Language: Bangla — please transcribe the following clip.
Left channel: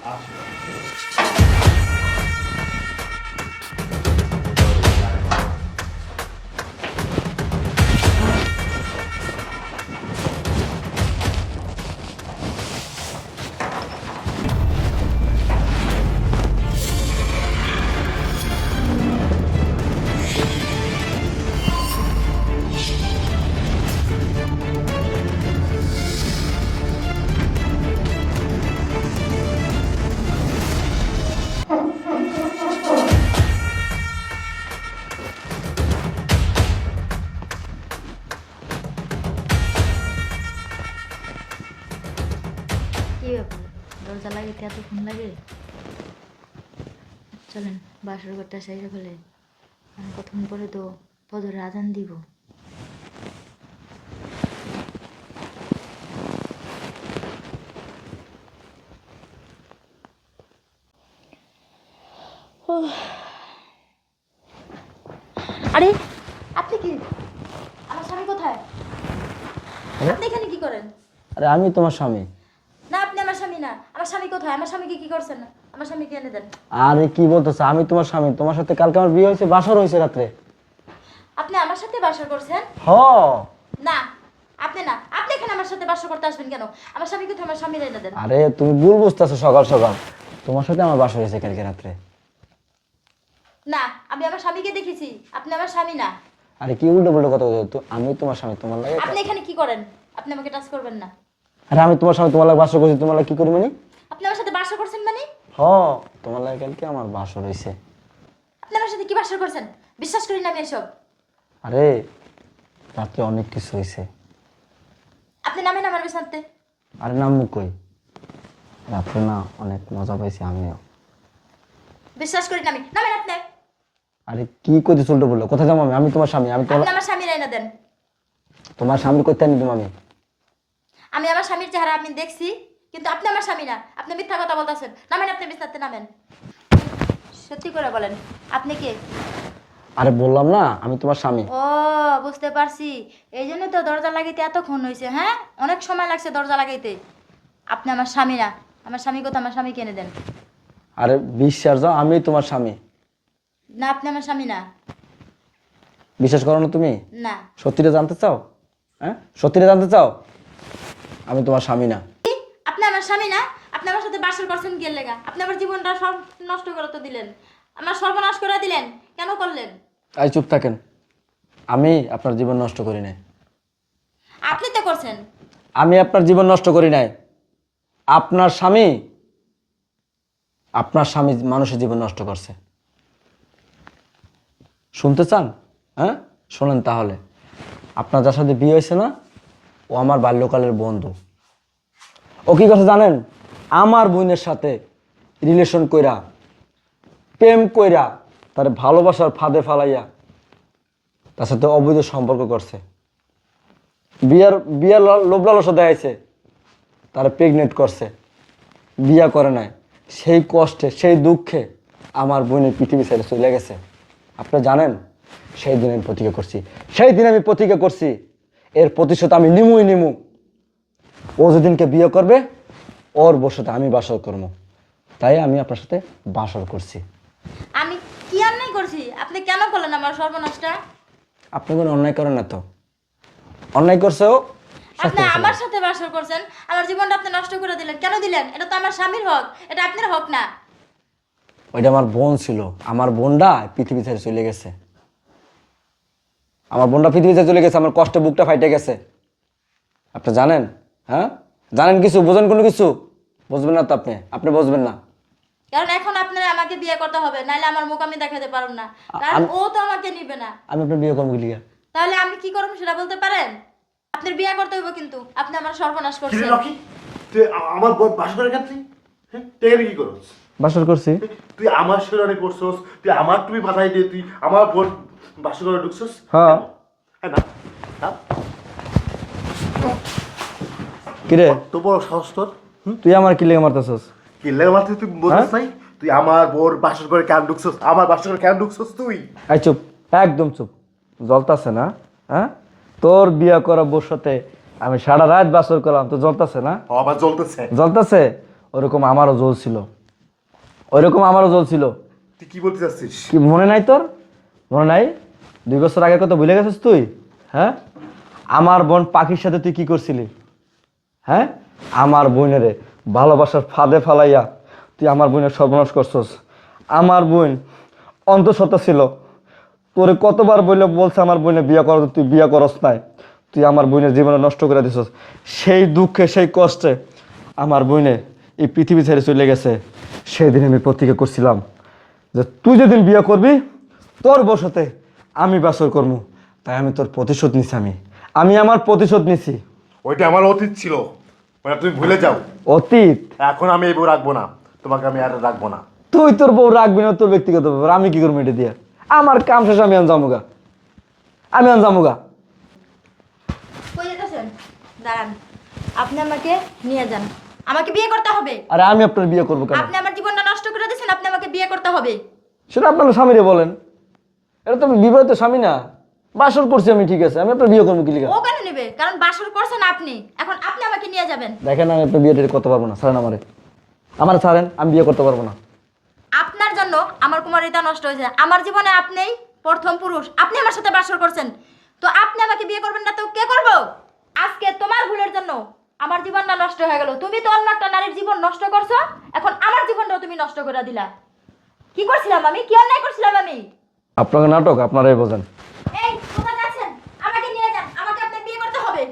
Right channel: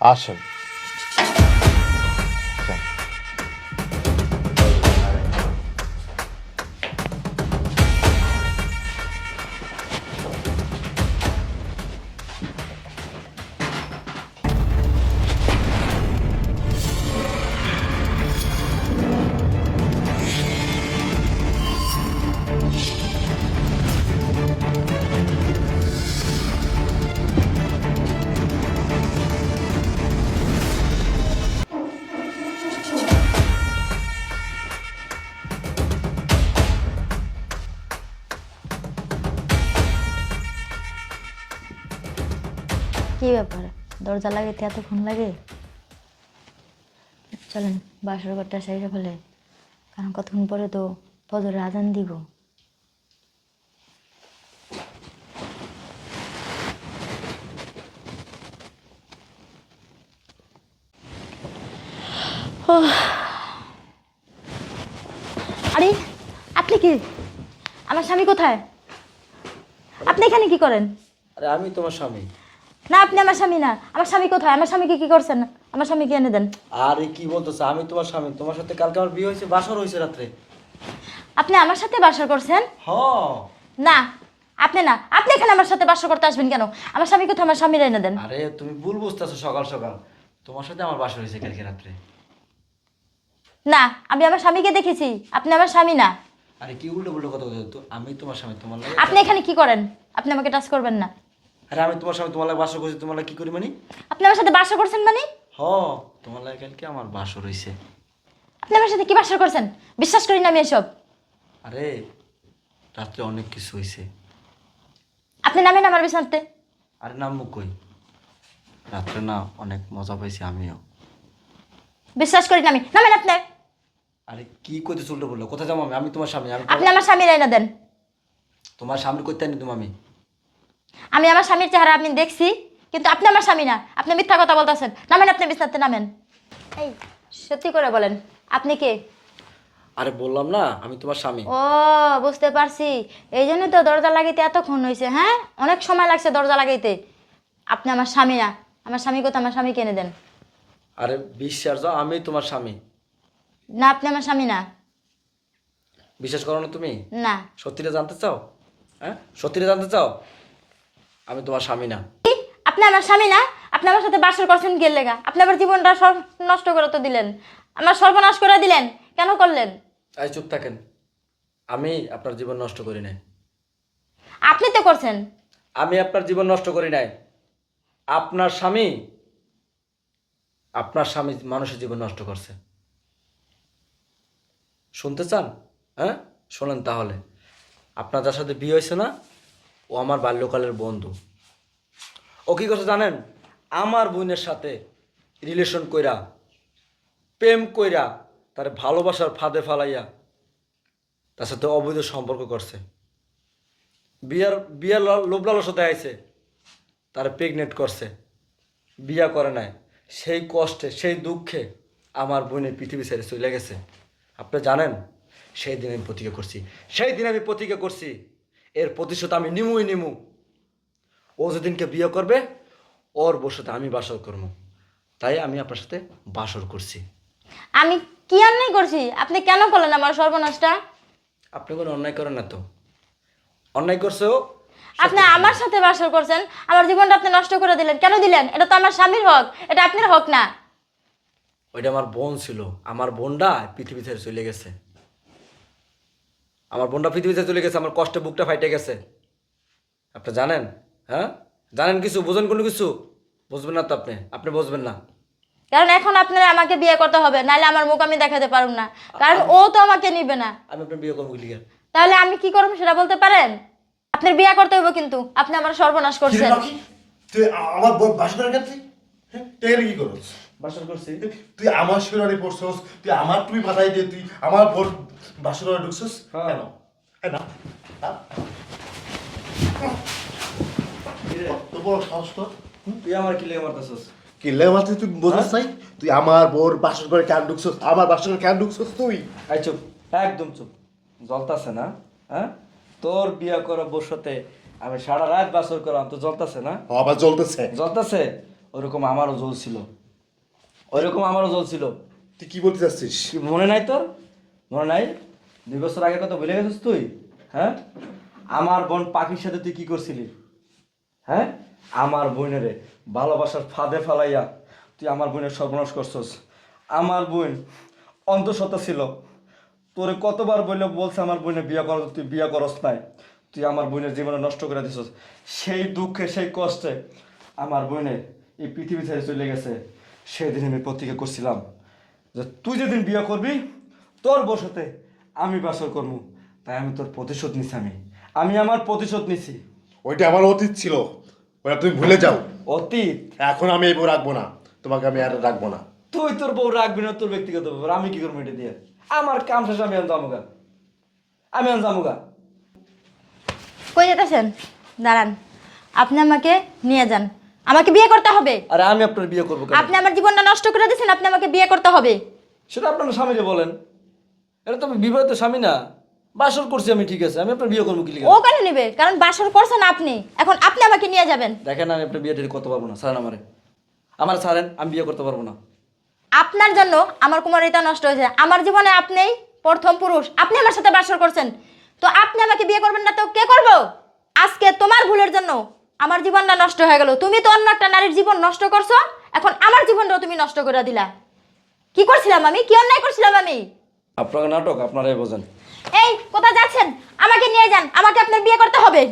আসে। কি ব্যাপার, দরজা লাগাইতে এতক্ষণ লাগে? চলেন বাসর ঘরটা সাইজা ফেলে, কারণ কতক্ষণ পরে তো ফজরের আজান দিব। আরে আপনি কি? আমার স্বামী কোথায়? আপনি এখানে কি করেন? আরে আমি তোমার স্বামী। না, আপনি আমার স্বামী না। আমার স্বামী কোথায়? আমার স্বামীকে কি করছেন? আমার স্বামীকে এনে দেন। আরে কি বলতেছ? আমি তোমার স্বামী। তোমার সাথে কালকে আমার বিয়ে হয়েছে, বাসর হয়েছে রাত্রে। আপনি আমার সাথে বাসর করছেন? হ। না, আপনি না। আপনি এখানে আমার সাথে বাসর করতে আসবেন কেন? আমার স্বামী কোথায়? আমার স্বামীর এনে দেন। আরে তুমি ভুল বুঝতেছো। সকাল সকাল তোমার সাথে আমার বাসর হয়েছে কালকে রাত্রে। না, আমি আমার স্বামীকে দেখেছি। আপনি আমার স্বামী না। আরে কি উল্টো পুল্টো কথা বলছো? তো আমি তোমার স্বামী, তোমার লাগে। আপনি এখানে কি করেন? আপনি আমাকে টাচ করবেন না। আরে আমি তোমার স্বামী, তোমার লাগে বাসর করছি। তোমার লাগে কি করি মানে? আপনি আমার সাথে বাসর করছেন মানে? হ, তোমার লাগে কালকে আমার বাসর হয়েছে। আপনি আমার সাথে কি বাসর করছেন? বিশ্বাস করি না আমি এসব। আরে রাত্রে অনেক কিছু হয়েছে। আপনি নামেন আমার বিছানাতে। আরে নামু কই? রাত্রে না অনেক মজা পাইছি আমিও। বিশ্বাস করি না আমি। নামেন আপনি। আরে কি কইতেছ উল্টো বললো? কোথায় যাবো আমি? আমি তোমার স্বামী। আমি আপনি আমার স্বামীর এনে দেন। তোমার সামনে করতে আনি তুমি। আমি আমার স্বামীর চেহারা আমি দেখছি, কিন্তু আপনি আমার স্বামী না। আপনি মিথ্যা কথা বলতেছেন। নামেন আপনি বিছানাতে, নামেন। এই, সত্যি করে বলেন, আপনি কে? আরে বললাম না আমি তোমার স্বামী। ও, বুঝতে পারছি। এই জন্য তো দরজা লাগাইতে এতক্ষণ হয়েছে। হ্যাঁ, অনেক সময় লাগছে দরজা লাগাইতে। আপনি আমার স্বামী না। আমার স্বামী কোথায়? আমার স্বামীকে এনে দেন। আরে বিশ্বাস যাও, আমি তোমার স্বামী। না, আপনি আমার স্বামী না। বিশ্বাস করো না তুমি? না। সত্যিটা জানতে চাও? হ্যাঁ, সত্যিটা জানতে চাও? আমি তোমার স্বামী না। কি? আপনি আমার স্বামী না? আপনি আমার সাথে বাসর করছেন কি লেগা? আপনি আমার জীবনটা নষ্ট করে তো দিলেন। আমার সর্বনাশ করে দিলেন। কেন করলেন? তাই চুপ থাকেন। আমি আপনার জীবন নষ্ট করি নাই। আপনি তো করছেন। আমি আপনার জীবন নষ্ট করি নাই। আপনার স্বামী, আপনার স্বামী মানুষের জীবন নষ্ট করছে। শুনতে চান? হ্যাঁ, শোনেন তাহলে। আপনার যার সাথে বিয়ে হয়েছে না, ও আমার বাল্যকালের বন্ধু। ও কি কথা জানেন? আমার বোনের সাথে রিলেশন কইরা, প্রেম কইরা, তার ভালোবাসার ফাঁদে ফালাইয়া তার সাথে অবৈধ সম্পর্ক করছে। বিয়ার বিয়ার লোভ লালসা দেখাইছে, তারা প্রেগনেন্ট করছে। বিয়া করে নাই। সেই কষ্টে, সেই দুঃখে আমার বোনের পৃথিবী ছেড়ে চলে গেছে। আপনারা জানেন, সেই দিন আমি প্রতিজ্ঞা করছি, সেই দিন আমি প্রতিজ্ঞা করছি এর প্রতিশোধ আমি নিমুই নিমু। ও যেদিনকে বিয়ে করবে, ওর বসতে আমি বাসর করবো। তাই আমি আপনার সাথে বাসর করছি। আমি কি অন্যায় করছি? আপনি কেন করলেন আমার সর্বনাশটা? আপনি কোনো অন্যায় করেন না তো। অন্যায় করছেও। আপনি আমার সাথে বাসর করছেন, আমার জীবনটা আপনি নষ্ট করে দিলেন। কেন দিলেন? এটা তো আমার স্বামীর হক, এটা আপনার হক না। ওইটা আমার বোন ছিল। আমার বোনটা পৃথিবী ছেড়ে চলে গেছে। আমার বোনটা পৃথিবী ছেড়ে চলে গেছে, আমার কষ্টে বুকটা ফাইটে গেছে। আপনি জানেন? হ্যাঁ, জানেন কিছু? বোঝেন কোনো কিছু? বুঝবেন না তো আপনি। আপনি বুঝবেন না। কারণ এখন আপনার আমাকে বিয়ে করতে হবে, নাহলে আমার মুখ আমি দেখাতে পারব না। কারণ ও তো আমাকে নিবে না। আমি আপনার বিয়ে করবো লিগা। তাহলে আমি কি করব সেটা বলতে পারেন? আপনার বিয়ে করতে হবে, কিন্তু আপনি আমার সর্বনাশ করছেন। তুই আমার বোন বাসর করে গেছিস? হ্যাঁ, টের কি করছ? বাসর করছি। তুই আমার শিরারে করছস, তুই আমার তুমি পাঠাই দিয়ে তুই আমার বোন বাসর করে ঢুকছস? হ্যাঁ। হ্যাঁ না? হ্যাঁ? কিরে, তো বড় সাহস তোর? তুই আমার কি লেগে মারতেছস? কি লেগে মারছিস তুই বোঝাস নাই? তুই আমার বোর বাসর করে কেন ঢুকছস? আমার বাসর করে কেন ঢুকছস তুই? আই চুপ, একদম চুপ। জ্বলতাছে না? হ্যাঁ, তোর বিয়া করা বউর সাথে আমি সারা রাত বাসর করলাম, তো জ্বলতাছে না? আবার জ্বলতেছে। জ্বলতাছে। ওরকম আমারও জ্বলছিল, ওইরকম আমারও জ্বলছিল। তুই কি বলতে চাচ্ছিস? কি মনে নাই তোর? মনে নাই 2 বছর আগের কথা ভুলে গেছিস তুই? হ্যাঁ, আমার বোন পাখির সাথে তুই কি করছিলি? হ্যাঁ, আমার বোনেরে ভালোবাসার ফাঁদে ফালাইয়া তুই আমার বোনের সর্বনাশ করছস। আমার বোন অন্তঃসত্ত্বা ছিল, তোরে কতবার বলছে আমার বোনে বিয়ে কর, তুই বিয়ে করস নাই। তুই আমার বোনের জীবনে নষ্ট করে দিছস। সেই দুঃখে সেই কষ্টে আমার বোনে এই পৃথিবী ছেড়ে চলে গেছে। সেই দিন আমি প্রতিজ্ঞা করছিলাম যে তুই যেদিন বিয়ে করবি তোর বসতে আমি বাসর করবো। তাই আমি তোর প্রতিশোধ নিছি। আমি আমার প্রতিশোধ নিছি। ওইটা আমার অতীত ছিল, ওটা তুমি ভুলে যাও। অতীত? এখন আমি এই বউ রাখবো না, তোমাকে আমি আর রাখবো না। তুই তোর বউ রাখবি না, তোর ব্যক্তিগত ব্যাপার। আমি কি করবো এটা দিয়ে? আমার কাম শেষ, আমি জামুগা, আমি জামুগা। কই যেতেছেন? দাঁড়ান, আপনি আমাকে নিয়ে যান, আমাকে বিয়ে করতে হবে। আরে আমি আপনার বিয়ে করবো কেন? আপনি আমার জীবনটা নষ্ট করে দিয়েছেন, আপনি আমাকে বিয়ে করতে হবে। সেটা আপনার স্বামীরে বলেন। এটা তো আমি বিবাহিত স্বামী না, বাসর করছি আমি, ঠিক আছে। আমি আপনার বিয়ে করবো কি লিগা? ও কেন নেবে? কারণ বাসর করছেন আপনি, এখন আপনি আমাকে নিয়ে যাবেন। দেখেন আমি আপনার বিয়ে টিয়ে করতে পারবো না, ছাড়েন আমারে, আমার ছাড়েন, আমি বিয়ে করতে পারবো না। আপনার জন্য আমার কুমারিতা নষ্ট হয়েছে। আমার জীবনে আপনিই প্রথম পুরুষ, আপনি আমার সাথে বাসর করছেন, তো আপনি আমাকে বিয়ে করবেন না তো কে করবো? আজকে তোমার ভুলের জন্য আমার জীবনটা নষ্ট হয়ে গেল। তুমি তো অন্য একটা নারীর জীবন নষ্ট করছো, এখন আমার জীবনটাও তুমি নষ্ট করে দিলা। কি করছিলাম আমি? কি অন্যায় করছিলাম আমি? আপনাকে নাটক আপনারাই বোঝেন। এই কোথায় যাচ্ছেন? আমাকে নিয়ে যান, আমাকে আপনার বিয়ে করতে হবে।